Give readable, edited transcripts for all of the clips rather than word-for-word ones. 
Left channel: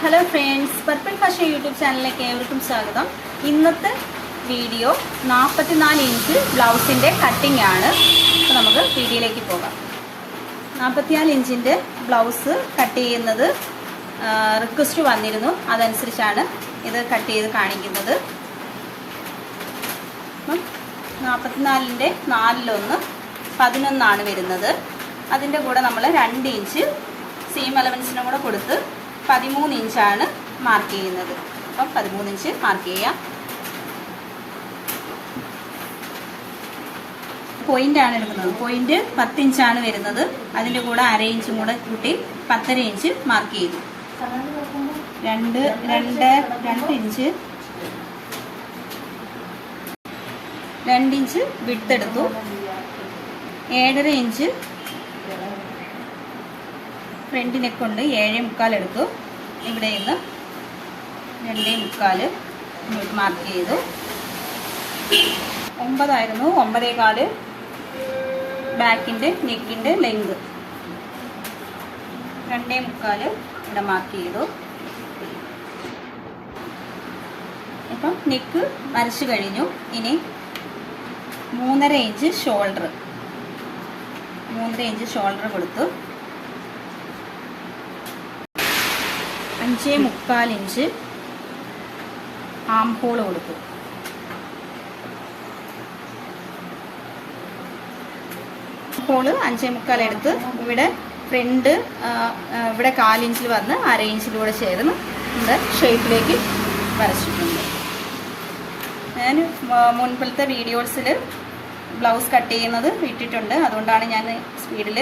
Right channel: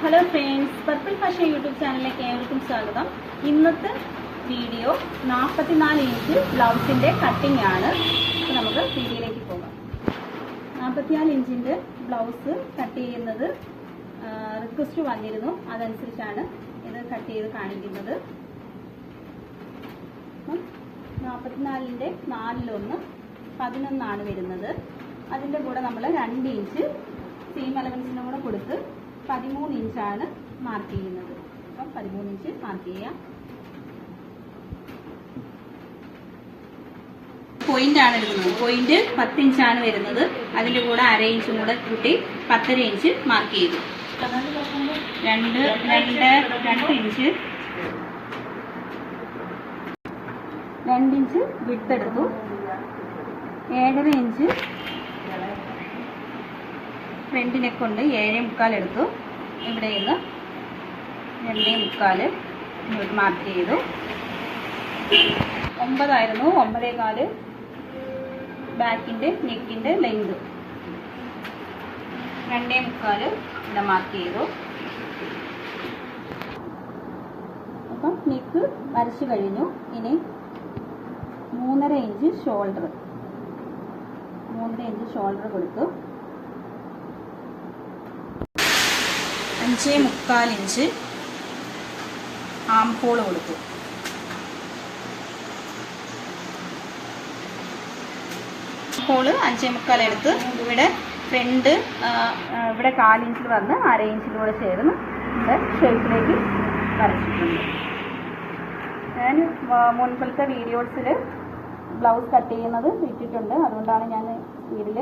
Hello friends, purple fashion YouTube ചാനലിലേക്ക് ഏവർക്കും സ്വാഗതം. ഇന്നത്തെ വീഡിയോ 44 ഇഞ്ച് ബ്ലൗസിൻ്റെ കട്ടിംഗ് ആണ്. അപ്പോൾ നമുക്ക് വീഡിയോയിലേക്ക് പോകാം. 44 ഇഞ്ചിൻ്റെ ബ്ലൗസ് കട്ട് ചെയ്യുന്നത് റിക്വസ്റ്റ് വന്നിരുന്നു, അതനുസരിച്ചാണ് ഇത് കട്ട് ചെയ്ത് കാണിക്കുന്നത്. അപ്പം 44ൻ്റെ 4-1 11 വരുന്നത്. അതിൻ്റെ കൂടെ നമ്മൾ 2 ഇഞ്ച് സീം അലവൻസിനും കൂടെ കൊടുത്ത് 13 ഇഞ്ചാണ് മാർക്ക് ചെയ്യുന്നത്. അപ്പം 13 ഇഞ്ച് മാർക്ക് ചെയ്യാം. പോയിന്റ് ആണ് എടുക്കുന്നത്. പോയിന്റ് 10 ഇഞ്ചാണ് വരുന്നത്. അതിൻ്റെ കൂടെ 1/2 ഇഞ്ചും കൂടെ കൂട്ടി 10.5 ഇഞ്ച് മാർക്ക് ചെയ്തു. 2 ഇഞ്ച് 2 ഇഞ്ച് വിഡ്ത്ത് എടുത്തു. 7.5 ഇഞ്ച് ഫ്രണ്ട് നെക്ക് കൊണ്ട് 7.75 എടുത്തു. ഇവിടെ നിന്ന് 2.75 മാർക്ക് ചെയ്തു. 9 ആയിരുന്നു. 9.25 ബാക്കിൻ്റെ നെക്കിൻ്റെ ലെങ്ത്. 2.75 ഇവിടെ മാർക്ക് ചെയ്തു. ഇപ്പം നെക്ക് വരച്ചു കഴിഞ്ഞു. ഇനി 3.5 ഇഞ്ച് ഷോൾഡർ കൊടുത്തു. 5.75 ഇഞ്ച് ആം ഹോൾ കൊടുത്തു. ഹോള് 5.75 എടുത്ത് ഇവിടെ ഫ്രണ്ട് ഇവിടെ 1/4 ഇഞ്ചിൽ വന്ന് 1/2 ഇഞ്ചിലൂടെ ചേർന്ന് ഇവിടെ ഷേപ്പിലേക്ക് വരച്ചിട്ടുണ്ട്. ഞാൻ മുൻപിലത്തെ വീഡിയോസിൽ ബ്ലൗസ് കട്ട് ചെയ്യുന്നത് ഇട്ടിട്ടുണ്ട്, അതുകൊണ്ടാണ് ഞാൻ സ്പീഡിൽ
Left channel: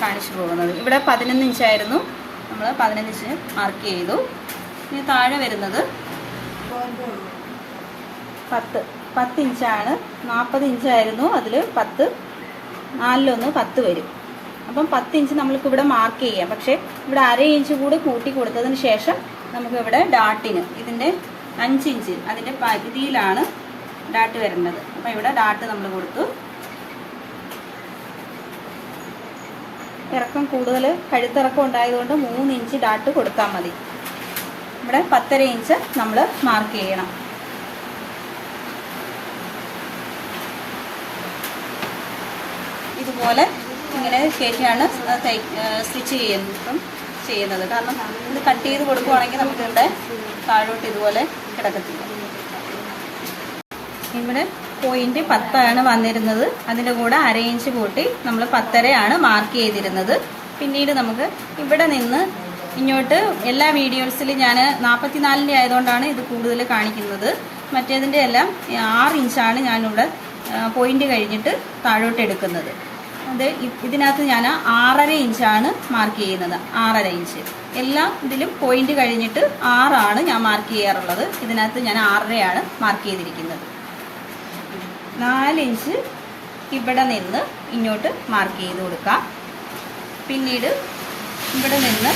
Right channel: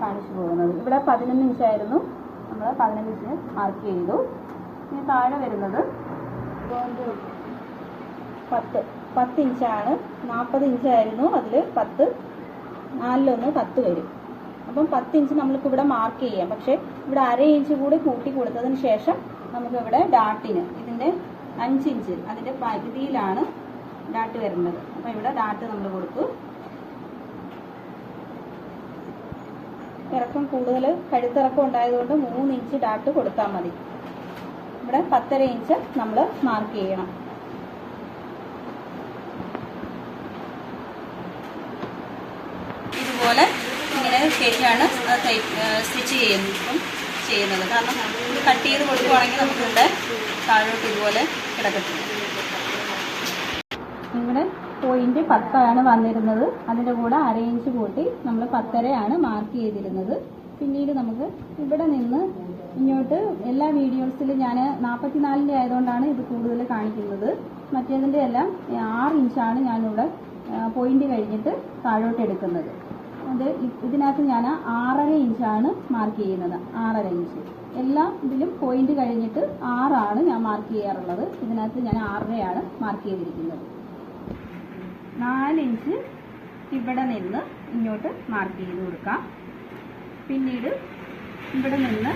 കാണിച്ചു പോകുന്നത്. ഇവിടെ 11 ഇഞ്ചായിരുന്നു, നമ്മൾ 11 ഇഞ്ച് മാർക്ക് ചെയ്തു. ഇനി താഴെ വരുന്നത് 10 ഇഞ്ചാണ്. 40 ഇഞ്ചായിരുന്നു, അതിൽ 10 4-1 10 വരും. അപ്പം 10 ഇഞ്ച് നമ്മൾക്ക് ഇവിടെ മാർക്ക് ചെയ്യാം. പക്ഷേ ഇവിടെ 1/2 ഇഞ്ച് കൂടി കൂട്ടി കൊടുത്തതിന് ശേഷം നമുക്ക് ഇവിടെ ഡാട്ടിന് ഇതിൻ്റെ 5 ഇഞ്ച് അതിൻ്റെ പകുതിയിലാണ് ഡാട്ട് വരേണ്ടത്. അപ്പം ഇവിടെ ഡാട്ട് നമ്മൾ കൊടുത്തു. ഇറക്കം കൂടുതൽ കഴുത്തിറക്കം ഉണ്ടായതുകൊണ്ട് 3 ഇഞ്ച് ഡാട്ട് കൊടുത്താൽ മതി. ഇവിടെ 10.5 ഇഞ്ച് നമ്മൾ മാർക്ക് ചെയ്യണം. ഇതുപോലെ ഇങ്ങനെ കയറ്റിയാണ് സ്റ്റിച്ച് ചെയ്യുന്നത്. കാരണം ഇത് കട്ട് ചെയ്ത് കൊടുക്കുവാണെങ്കിൽ നമുക്ക് ഇവിടെ താഴോട്ട് ഇതുപോലെ കിടക്കത്തില്ല. ഇവിടെ പോയിന്റ് 10 വന്നിരുന്നത്. അതിൻ്റെ കൂടെ 1/2 ഇഞ്ച് കൂട്ടി നമ്മൾ 10.5 മാർക്ക് ചെയ്തിരുന്നത്. പിന്നീട് നമുക്ക് ഇവിടെ നിന്ന് ഇങ്ങോട്ട് എല്ലാ വീഡിയോസിലും ഞാൻ 44ൻ്റെ ആയതുകൊണ്ടാണ് ഇത് കൂടുതൽ കാണിക്കുന്നത്. മറ്റേതിൻ്റെ എല്ലാം 6 ഇഞ്ചാണ് ഞാനിവിടെ പോയിന്റ് കഴിഞ്ഞിട്ട് താഴോട്ട് എടുക്കുന്നത്. അത് ഇതിനകത്ത് ഞാൻ 6.5 ഇഞ്ചാണ് മാർക്ക് ചെയ്യുന്നത്. 6.5 ഇഞ്ച് എല്ലാ ഇതിലും പോയിന്റ് കഴിഞ്ഞിട്ട് 6 ഞാൻ മാർക്ക് ചെയ്യാറുള്ളത്. ഇതിനകത്ത് ഞാൻ 6.5 മാർക്ക് ചെയ്തിരിക്കുന്നത്. 4 ഇഞ്ച് ഇവിടെ നിന്ന് ഇങ്ങോട്ട് മാർക്ക് ചെയ്ത് കൊടുക്കാം. പിന്നീട് ഇവിടെ നിന്ന്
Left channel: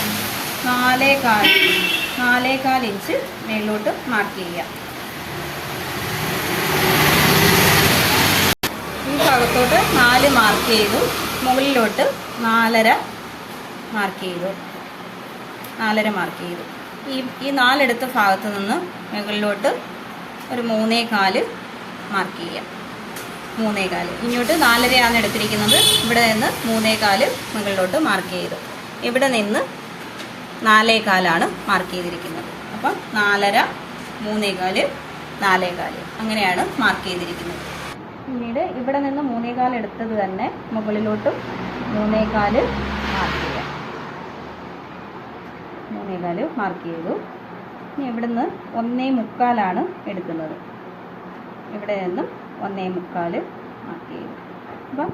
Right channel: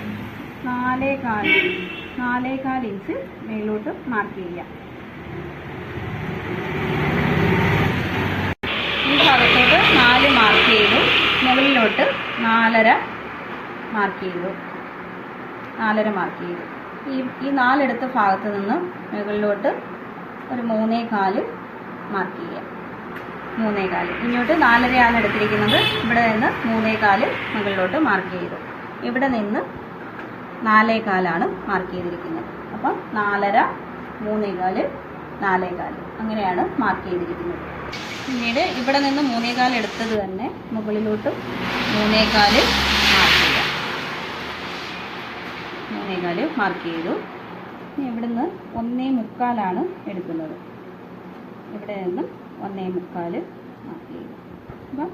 4.25 ഇഞ്ച് മേലോട്ട് മാർക്ക് ചെയ്യാം. ഈ ഭാഗത്തോട്ട് 4 മാർക്ക് ചെയ്തു. മുകളിലോട്ട് 4.5 മാർക്ക് ചെയ്തു. 4.5 മാർക്ക് ചെയ്തു. ഈ 4 എടുത്ത ഭാഗത്ത് നിന്ന് മുകളിലോട്ട് ഒരു 3.25 മാർക്ക് ചെയ്യാം. 3.25 ഇങ്ങോട്ട് 4.5 എടുത്തിരിക്കുന്നത്. ഇവിടെ നിന്ന് 3.25 മുകളിലോട്ട് മാർക്ക് ചെയ്തു. ഇവിടെ നിന്ന് 4.25 മാർക്ക് ചെയ്തിരിക്കുന്നത്. അപ്പം 4.5 3.25 4.25 അങ്ങനെയാണ് മാർക്ക് ചെയ്തിരിക്കുന്നത്. പിന്നീട് ഇവിടെ നിന്ന് 3.25 എടുത്തത് തന്നെ മുകളിലോട്ട് 3.25 മാർക്ക് ചെയ്യാം. 3.25 മാർക്ക് ചെയ്തു. ഇനി ഇവിടെ നിന്ന് 1.25 എടുക്കുന്നത്. ഇവിടെ നിന്ന് 1.25 മാർക്ക് ചെയ്തു. അപ്പം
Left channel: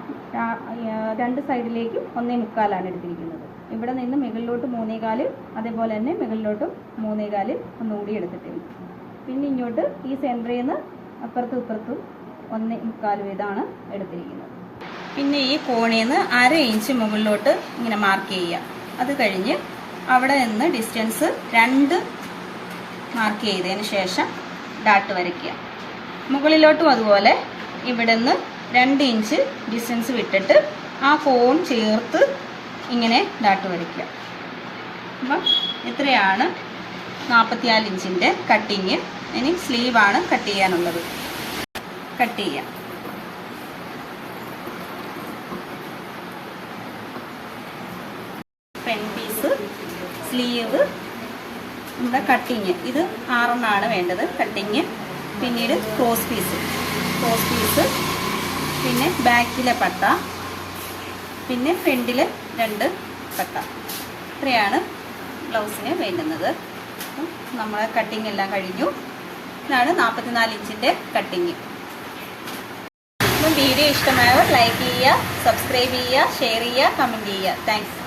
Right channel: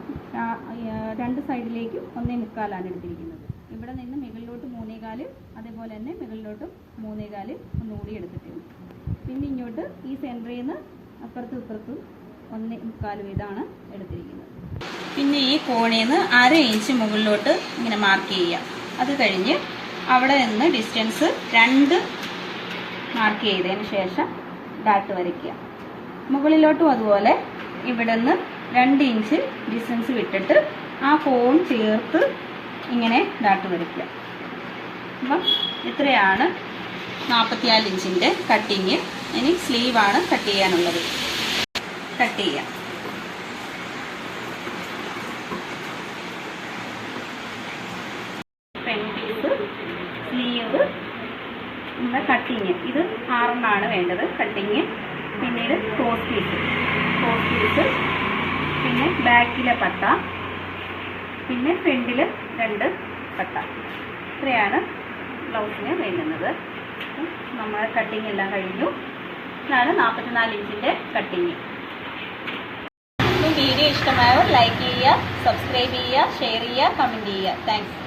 2 സൈഡിലേക്കും 1.25 എടുത്തിരിക്കുന്നത്. ഇവിടെ നിന്ന് മുകളിലോട്ട് 3.25 അതേപോലെ തന്നെ മുകളിലോട്ടും 3.25 ഒന്നുകൂടി എടുത്തിട്ടുണ്ട്. പിന്നെ ഇങ്ങോട്ട് ഈ സെൻറ്ററിൽ നിന്ന് അപ്പുറത്തും ഇപ്പുറത്തും 1.25 വീതമാണ് എടുത്തിരിക്കുന്നത്. പിന്നെ ഈ കോണിൽ നിന്ന് 1/2 ഇഞ്ച് മുകളിലോട്ട് ഇങ്ങനെ മാർക്ക് ചെയ്യാം. അത് കഴിഞ്ഞ് അവിടെ നിന്ന് ഡിസ്റ്റൻസ് 2 മാർക്ക് ചെയ്തതിന് ശേഷം ഡാട്ട് വരയ്ക്കുക. മുകളിലോട്ടും അതുപോലെ ഇവിടെ നിന്ന് 2 ഇഞ്ച് ഡിസ്റ്റൻസ് വിട്ടിട്ട് ആ കോൺ ചേർത്ത് ഇങ്ങനെ ഡാട്ട് വരയ്ക്കുക. അപ്പം ഇത്രയാണ് 44 ഇഞ്ചിൻ്റെ കട്ടിങ്. ഇനി സ്ലീവാണ് കട്ട് ചെയ്യാനുള്ളത്. കട്ട് ചെയ്യാം. Front piece, sleeve, cutting. ഇത് 6 വേണ്ടത് കട്ടിങ്. പിന്നീട് ക്രോസ് പീസ്, പിന്നെ ബാക്കിലെ പട്ട, പിന്നെ ഫ്രണ്ടിൽ 2 പട്ട. ഇത്രയാണ് ബ്ലൗസിന് വേണ്ടുന്നത്. നമ്മൾ കട്ടിങ് എല്ലാം കഴിഞ്ഞു. ഇതാണ് 44 ഇഞ്ചിൻ്റെ കട്ടിങ്. വീഡിയോ ഇഷ്ടമായവർ ലൈക്ക് ചെയ്യുക, സബ്സ്ക്രൈബ് ചെയ്യുക, ഷെയർ ചെയ്യുക, കമൻറ്റ് ചെയ്യുക. താങ്ക്സ്.